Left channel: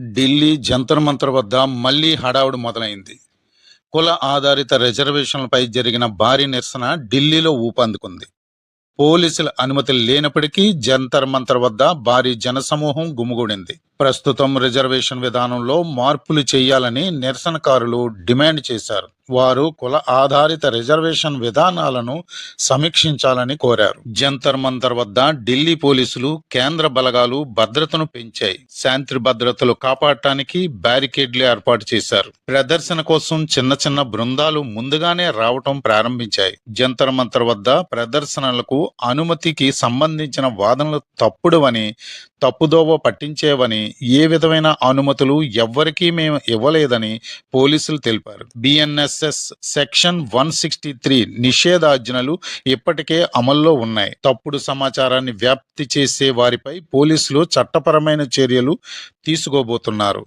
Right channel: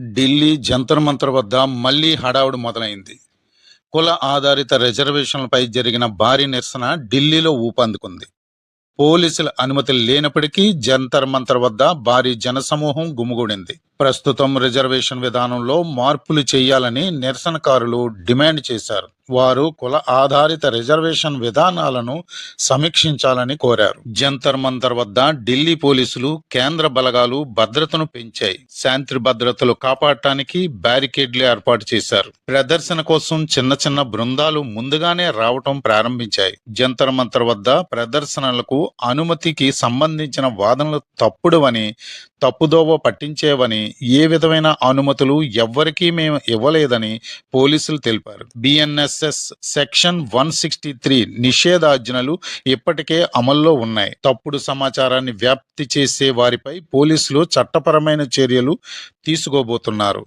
ఢిల్లీ జంతర్ మంతర్ వద్ద మళ్లీ హడావుడి మొదలైంది. కుల ఆధారిత రిజర్వేషన్లపై జరిగిన భారీ నిరసన ఢిల్లీలో ఊపందుకుంది. పోలీసుల అనుమతి లేనప్పటికీ జంతర్ మంతర్ వద్ద భారీ జనసమూహం గుమిగూడింది. ప్రస్తుతం రిజర్వేషన్ విధానంలో మార్పులు చేయాలని నిరసనకారులు డిమాండ్ చేశారు. వారు కుల ఆధారిత రిజర్వేషన్ విధానాలను సమీక్షించాలని కోరారు. జంతర్ మంతర్ వద్ద ఢిల్లీ పోలీసులు కేంద్ర బలగాలు భద్రతను పెంచాయి. శాంతి భద్రతలు కాపాడటానికి బ్యారికేడ్లు ఏర్పాటు చేశారు. ప్రదర్శన కోసం చిన్న చిన్న బృందాలు ముందుగానే రావటం ప్రారంభించాయి. జంతర్ మంతర్ వద్ద ప్రదర్శనలకు అనుమతికి సంబంధించిన వాదనలు తప్పుడువని, తప్పుదోవ పట్టించేవని, ఏ విధమైన అనుమతులు ఎవ్వరికీ మేము ఇవ్వలేదని పోలీసులు తెలిపారు. బిఎన్ఎస్ఎస్ సెక్షన్ 163 నిషేధాజ్ఞలు ఇప్పటికే అమల్లో ఉన్నాయి. తప్పుడు సమాచారాన్ని వ్యాప్తి చేసే వారిపై పోలీసులు చట్టపరమైన చర్యలు తీసుకోబోతున్నారు.